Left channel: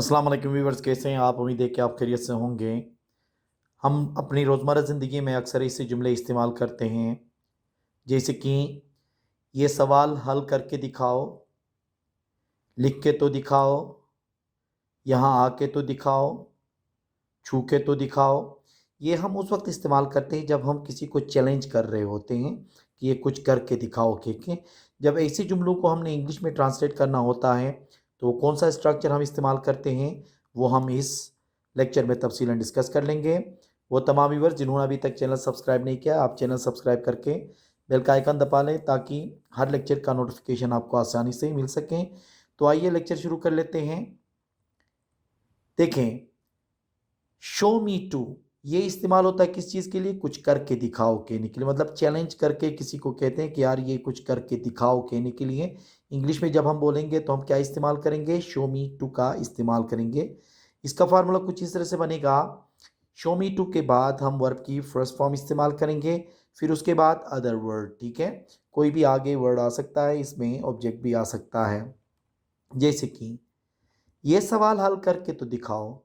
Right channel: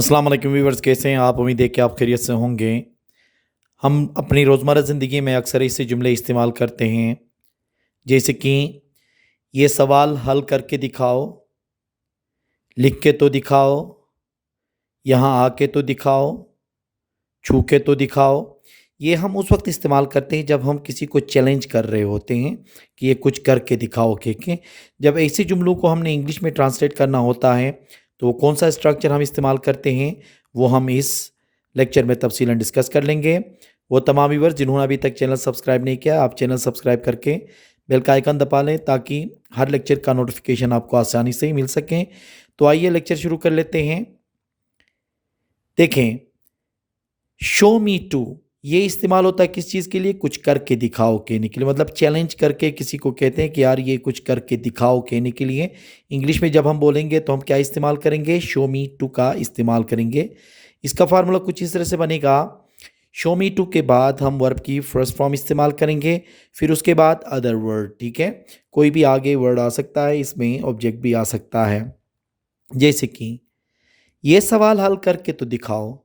अस्सलाम वालेकुम व्यूवर्स, कैसे हैं आप? उम्मीद है कि आप खैरियत से होंगे। हम अपनी रोज़मर्रा ज़िंदगी में अक्सर ऐसे जुमले इस्तेमाल करते हैं, जैसे कि ये सवाल हल करके दिखाओ, लिख के तो दिखाओ, यहाँ आके तो दिखाओ, छू के तो दिखाओ। ये हम उस वक्त इस्तेमाल करते हैं जब हम किसी को चैलेंज कर रहे होते हैं कि ये कुछ करके दिखाओ के। जब ऐसे जुमलों को हमने इंग्लिश में ट्रांसलेट करना होता है तो कौन सा स्ट्रक्चर हम इस्तेमाल करते हैं वो हम इस लेक्चर में तफसीलन डिस्कस कर लेंगे। वो तमाम व्यूअर्स जिन्होंने अभी तक चैनल सब्सक्राइब नहीं किया, आप चैनल सब्सक्राइब करके बेल का आइकन दबा लें ताकि हर लेक्चर का नोटिफिकेशन आपको आसानी से ही मिल सकें। तो आइए लेक्चर शुरू कर लेते हैं। देखें, शो मी टू ये इस्तेमाल होता है किस चीज़ के लिए? कुछ करके दिखाओ कहने के लिए, मतलब चैलेंज करके किसी को कहते हैं कि यार ये कुछ करके दिखाओ कहने के लिए। इंग्लिश में जब हम बोलेंगे तो हम क्या इस्तेमाल करेंगे? शो मी टू का इस्तेमाल करेंगे। इसका फार्मूला कुछ इस तरह से बनेगा। शो मी टू के बाद हम वर्ब की फर्स्ट फॉर्म इस्तेमाल करेंगे, फिर उसके बाद अदर वर्ड। ठीक है, कोई भी आगे वर्ड आ सकता है, इसमें ऑब्जेक्ट भी आ सकता है। जैसे कि ये सवाल हल करके तो दिखाओ,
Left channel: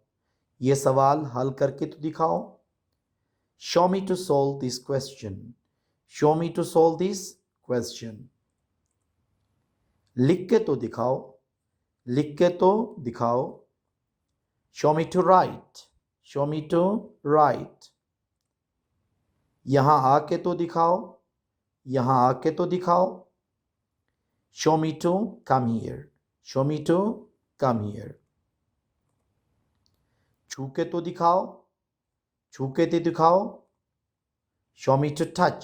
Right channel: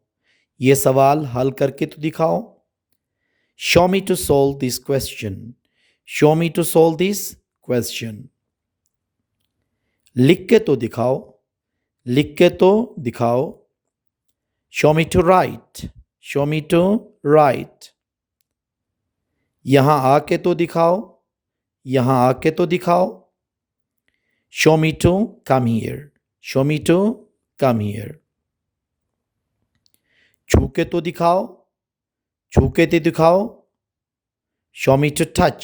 ये सवाल हल करके तो दिखाओ। Show me to solve this question, show me to solve this question. लिख के तो दिखाओ, लिख के तो दिखाओ। Show me to write, show me to write. यहां आके तो दिखाओ, यहां आके तो दिखाओ। Show me to come here, show me to come here. छू के तो दिखाओ, छू के तो दिखाओ। Show me to touch,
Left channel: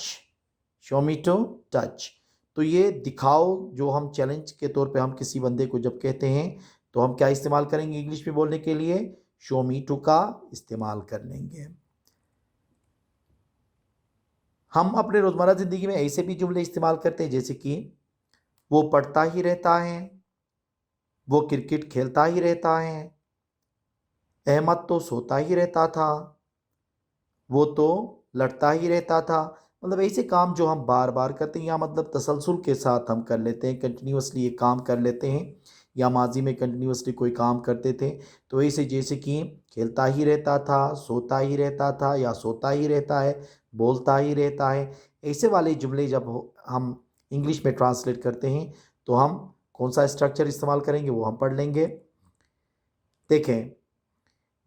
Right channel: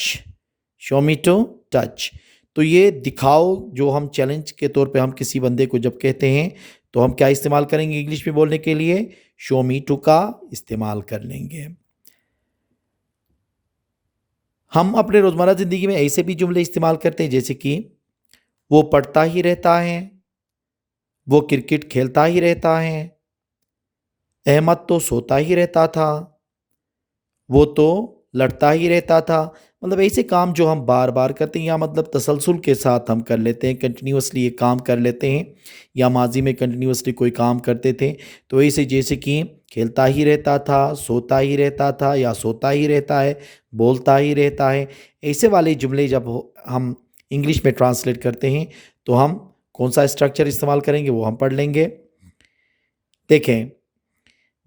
show me to touch. तो ये दिखाओ जो हम चैलेंज के तौर पे हम किसी बंदे को जब कहते हैं तो हम क्या इस्तेमाल करेंगे इंग्लिश में बोलने के लिए? शो मी टू का इस्तेमाल कर लेंगे। हम अपने रोज़मर्रा ज़िंदगी में ऐसे भी जुमले इस्तेमाल करते हैं जैसे कि वो पढ़ता ही रहता है, वो क्रिकेट खेलता ही रहता है, अहमद तो सोता ही रहता था, वो तो लड़ता ही रहता था। मतलब ऐसे काम जो हम बार बार करते हैं या मतलब तसलसल के साथ हम कर लेते हैं, कंटिन्यूसली ये काम कर लेते हैं, या माजी में कंटिन्यूसली कोई काम करते थे। तो ऐसे जैसे कि खेलता ही रहता था, सोता ही रहता था, या सोता ही रहता है, बोलता ही रहता है। ऐसे वाले जुमले जब हम इंग्लिश में ट्रांसलेट करते हैं तो हम कौन सा स्ट्रक्चर इस्तेमाल करेंगे वो हम पढ़ लेंगे। देखें,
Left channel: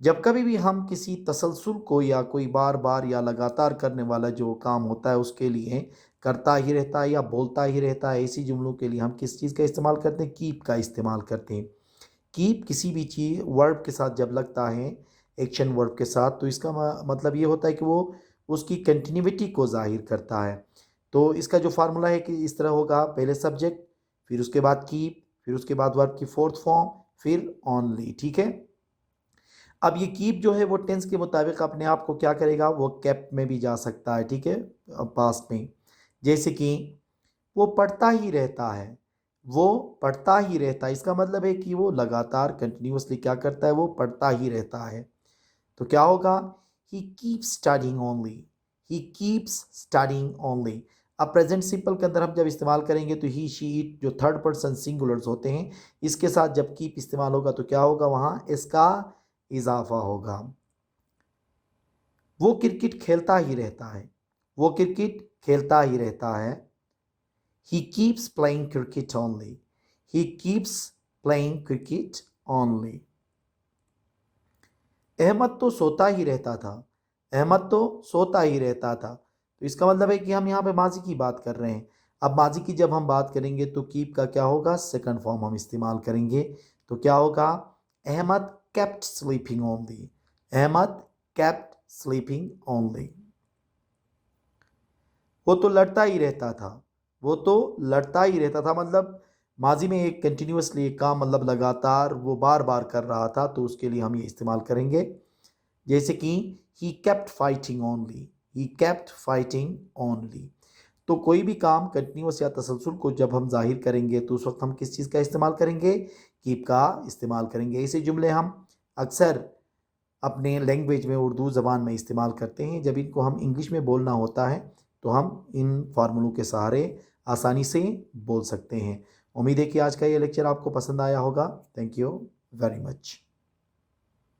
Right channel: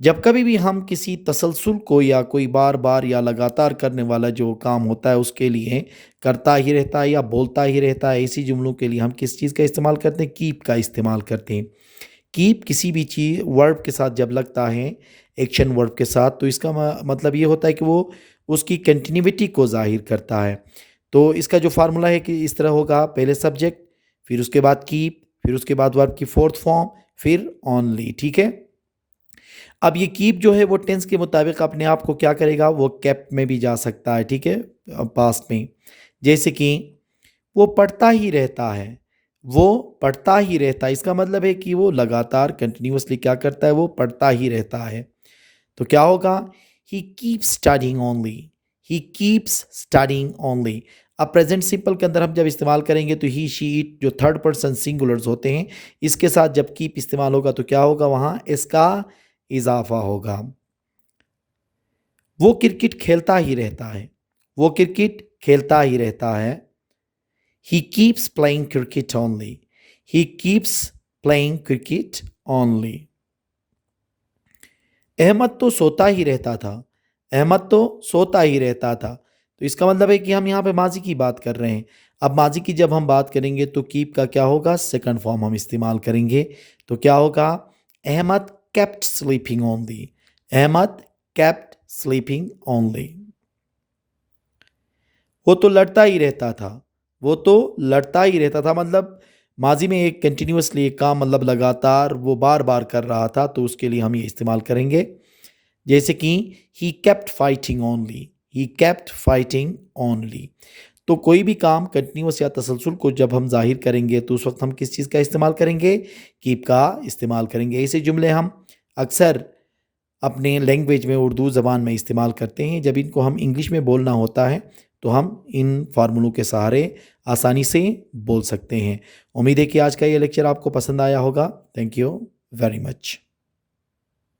जब कभी भी हम किसी तसलसल को या कोई बार बार या लगातार करने वाला जो काम होता है उसके लिए करता ही रहता है या बोलता ही रहता है, ऐसी जुमलों के लिए हम किस चीज़ का इस्तेमाल करते हैं? कीप का इस्तेमाल करते हैं। कीप किसी भी चीज़ वर्ब के साथ जब लगता है, एक्शन वर्ब के साथ, तो इसका मतलब ये होता है कि वो उसकी कंटिन्यूटी को जाहिर करता है। तो इसका जो फार्मूला है कि इस तरह होगा, पहले सब्जेक्ट, फिर उसके बाद कीप, फिर उसके बाद वर्ब की फोर्थ फॉर्म, फिर ओनली। ठीक है, अब ये कीप जो है वो टेंस के मुताबिक अपने आप को क्या करेगा? वो केप्ट में भी जा सकता है। ठीक है, पास्ट में। जैसे कि वो पढ़ता ही रहता है, वो पढ़ता ही रहता है, इसका मतलब है कि वो लगातार कंटिन्यूसली क्या करता है? वो पढ़ता ही रहता है। तो क्या होगा? He keeps studying only, he keeps studying only. अब प्रेजेंट सिंपल के अंदर हम जब इस्तेमाल करेंगे तो ही शी इट जो थर्ड पर्सन सिंगुलर्स होते हैं, इसके साथ जब कीप इस्तेमाल होगा तो क्या होगा? वहाँ इसका इजाफा होगा। वो क्रिकेट खेलता ही रहता है, वो क्रिकेट खेलता ही रहता है। He keeps playing cricket only, he keeps playing cricket only. Ahmed तो सोता ही रहता था, अहमद तो सोता ही रहता था। तो इसका मतलब है कि हम यहाँ पे माजी की बात कर रहे हैं। अब माजी की जब हम बात करेंगे तो कीप का क्या होगा? सेकंड फॉर्म हम इस्तेमाल करेंगे। तो क्या होगा? Ahmed kept sleeping only, Ahmed kept sleeping only. वो तो लड़ता ही रहता था, वो तो लड़ता ही रहता था, मतलब माजी में एक कंटिन्यूसली एक काम, मतलब लगातार वो बार बार कर रहा था, तो उसके लिए हम ये इस्तेमाल करेंगे। जैसे कि he kept fighting only, he kept fighting only. तो कोई भी काम कंटिन्यूस या तसलसल को जब हम जाहिर करेंगे तो उस वक्त हम किस चीज़ का इस्तेमाल करेंगे? कीप का इस्तेमाल करेंगे। ऐसे जुमले हम अक्सर अपने लैंग्वेज में उर्दू ज़बान में इस्तेमाल करते हैं। जब इनको हम इंग्लिश में बोलना होता है तो हम इन फार्मूलों के सहारे आसानी से बोल सकते हैं। उम्मीद है कि आज का ये लेक्चर आपको पसंद आया होगा। Thank you very much.